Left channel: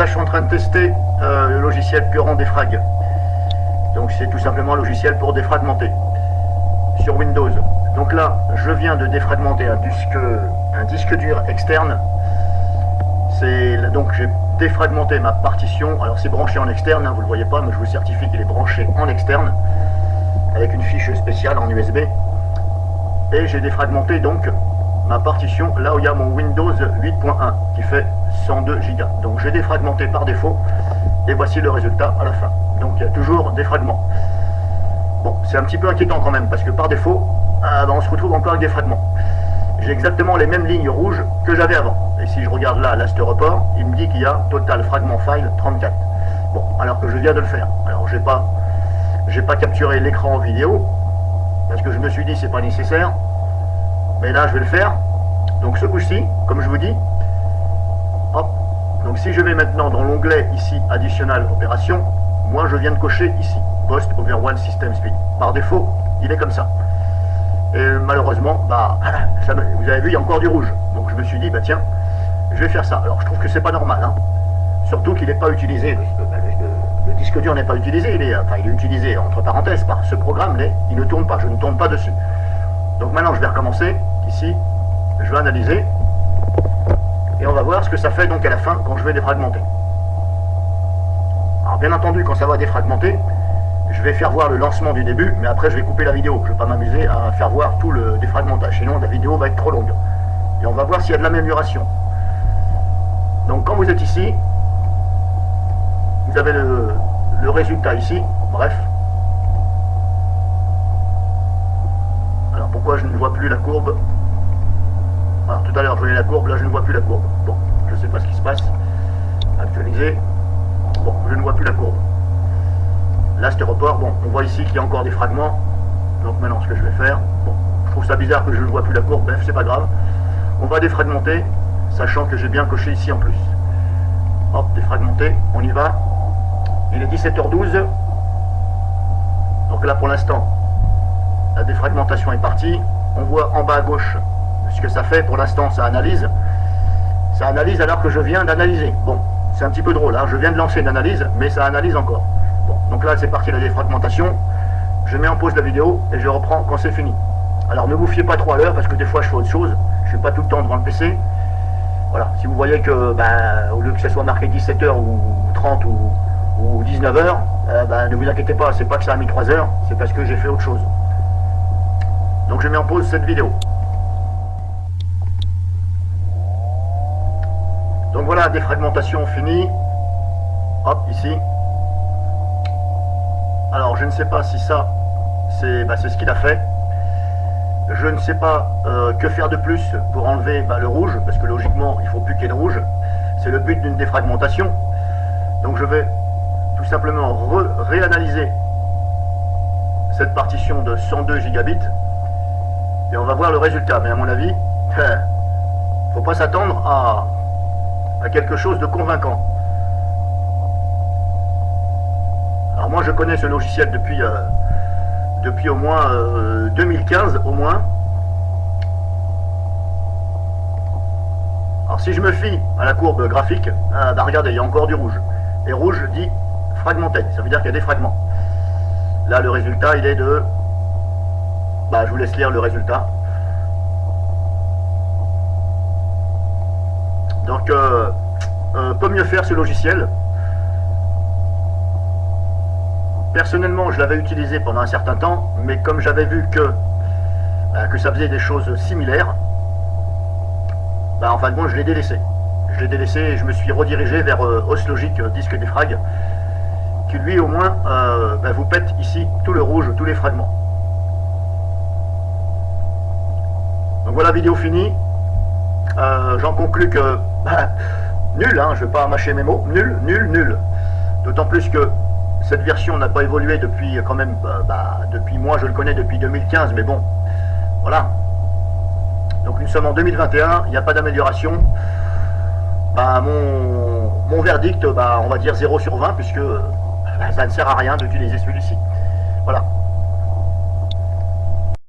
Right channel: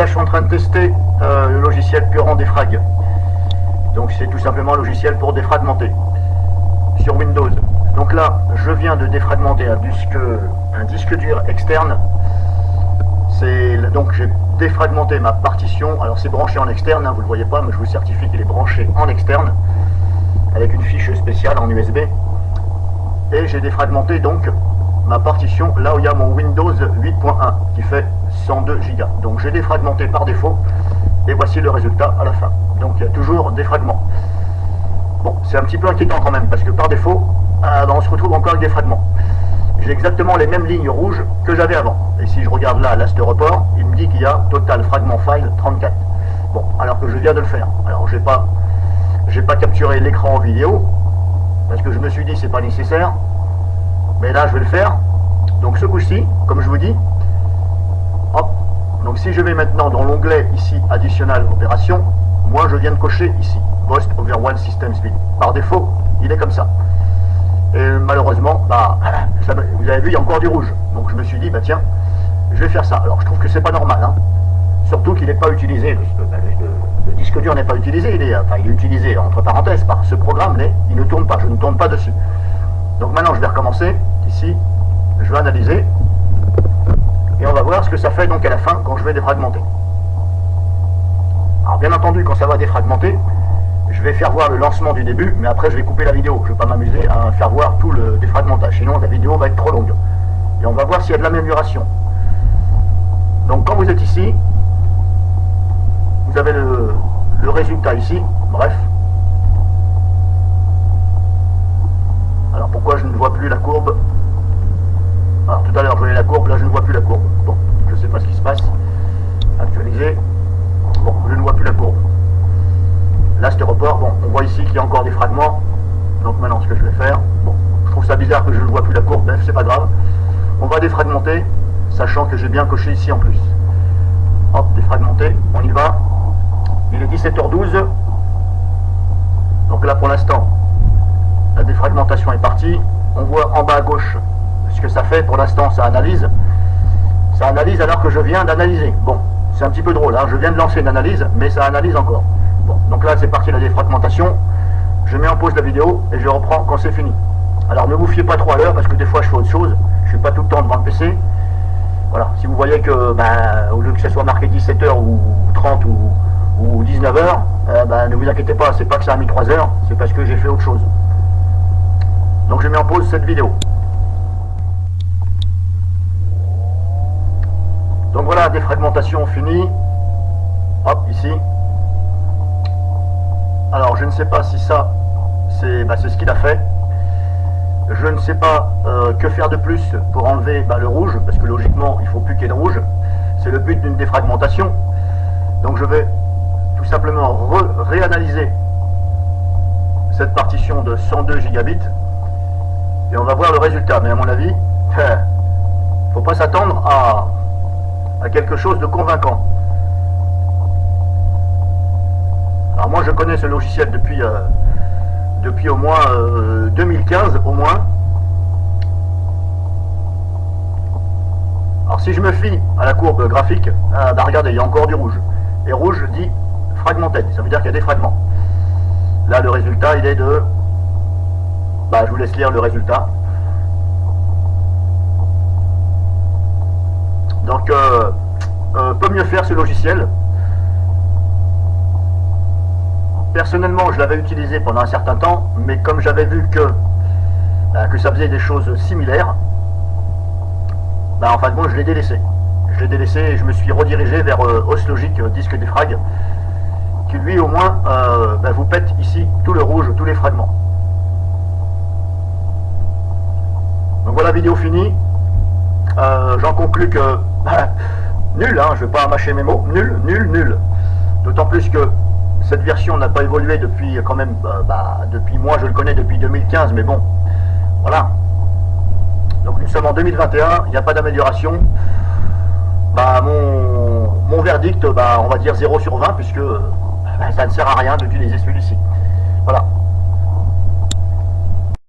là je suis en train de tester le logiciel Buran Defrag. Donc c'est tout simplement un logiciel pour défragmenter sur Windows. Donc là je viens de défragmenter un disque dur externe. Donc j'ai défragmenté ma partition. Alors c'est branché en externe, hein, vous ne le voyez pas, mais je vous certifie qu'il est branché en externe avec une fiche spéciale en USB. Et j'ai défragmenté donc ma partition là où il y a mon Windows 8.1 qui fait 102 Go. Donc j'ai défragmenté par défaut et voici le résultat à la fin. Donc il y a toujours des fragments. Bon, c'est un petit peu inquiétant quand même parce que par défaut, on se retrouve encore avec des fragments. J'ai exactement les mêmes lignes rouges que j'avais avant. Et si je regarde là, ce report, il me dit qu'il y a total fragment file 34. Bon, alors que je viens de le faire. Alors j'ai pas capturé l'écran en vidéo parce que je me suis dit c'est pas nécessaire. Mais là je vais le faire. Donc ce coup-ci, comme je vous dis, hop. Donc si je vais maintenant dans l'onglet ici Additional Opération, moi je viens de cocher ici Post Overwhelm System Speed. Par défaut, il est comme ça. Et malheureusement, vous avez vu, il y a encore du rouge. Donc je me suis dit, bah tiens, je vais faire ça. Alors je trouve que c'est pas normal, hein. Surtout qu'il n'est pas utilisé. Le disque dur n'est pas utilisé. Il est utilisé entre parenthèses par ce programme, mais il ne tourne pas. Je ne tourne pas dessus. Donc maintenant je vais recommencer. Ici, je vais analyser. Et on va voir ce que ça fait donc à la fin quand je vais défragmenter. Alors bien entendu, quand ça va défragmenter, je vais faire voir le lancement du début, mais après je vais couper la vidéo. Je ne vais pas m'amuser à faire voir tout le défragmentage, sinon la vidéo va être trop longue. Et on va voir s'il y a de l'amélioration. Donc quand vous êtes ici, vous avez le résultat ici, bref. Alors pourquoi je ne vois plus la courbe? Alors tout à l'heure je voyais la courbe, là je ne vois plus la courbe. Bon, je ne sais pas ce qui se passe. Actualiser, je ne vois plus la courbe. Là, ce report, bon, on voit ici qu'il y a encore des fragments. Donc maintenant, ce que je vais faire, bon, je trouve ça bizarre que je ne vois plus la courbe, bref, c'est pas grave. On va défragmenter, sachant que j'ai bien coché ici en plus. Hop, défragmenter, on y va. Il est 17h12. Donc là, pour l'instant, la défragmentation est partie. On voit en bas à gauche ce que ça fait. Pour l'instant, ça analyse. Ça analyse alors que je viens d'analyser. Bon, c'est un petit peu drôle, hein. Je viens de lancer une analyse, mais ça analyse encore. Donc là c'est parti la défragmentation, je mets en pause la vidéo et je reprends quand c'est fini. Alors ne vous fiez pas trop à l'heure parce que des fois je fais autre chose, je suis pas tout le temps devant le PC. Voilà, si vous voyez que au lieu que ce soit marqué 17h ou 30 ou 19h, ne vous inquiétez pas, c'est pas que ça a mis 3 heures, c'est parce que j'ai fait autre chose. Donc je mets en pause cette vidéo. Donc voilà, défragmentation finie. Hop, ici. Alors je ne sais pas si ça, c'est ce qu'il a fait. Je ne sais pas que faire de plus pour enlever le rouge, parce que logiquement il ne faut plus qu'il y ait de rouge. C'est le but d'une défragmentation. Donc je vais tout simplement réanalyser cette partition de 102 gigabits et on va voir le résultat. Mais à mon avis, il ne faut pas s'attendre à quelque chose de convaincant. Alors moi je connais ce logiciel depuis au moins 2015 au moins. Alors si je me fie à la courbe graphique, regardez, il y a encore du rouge. Et rouge dit fragmenté, ça veut dire qu'il y a des fragments. Là le résultat il est de... je vous laisse lire le résultat. Donc peut mieux faire ce logiciel. Personnellement, je l'avais utilisé pendant un certain temps, mais comme j'avais vu que ça faisait des choses similaires, en fin de compte, je l'ai délaissé. Je l'ai délaissé et je me suis redirigé vers Oslogic Disque Defrag, qui lui, au moins, vous pète ici tout le rouge, tous les fragments. Donc voilà, vidéo finie. J'en conclus que nul, hein, je ne vais pas mâcher mes mots, nul. D'autant plus que cette version n'a pas évolué depuis quand même, depuis moi je le connais depuis 2015, mais bon, voilà. Donc nous sommes en 2021, il n'y a pas d'amélioration. Mon verdict, on va dire 0 sur 20, puisque ça ne sert à rien d'utiliser celui-ci. Voilà.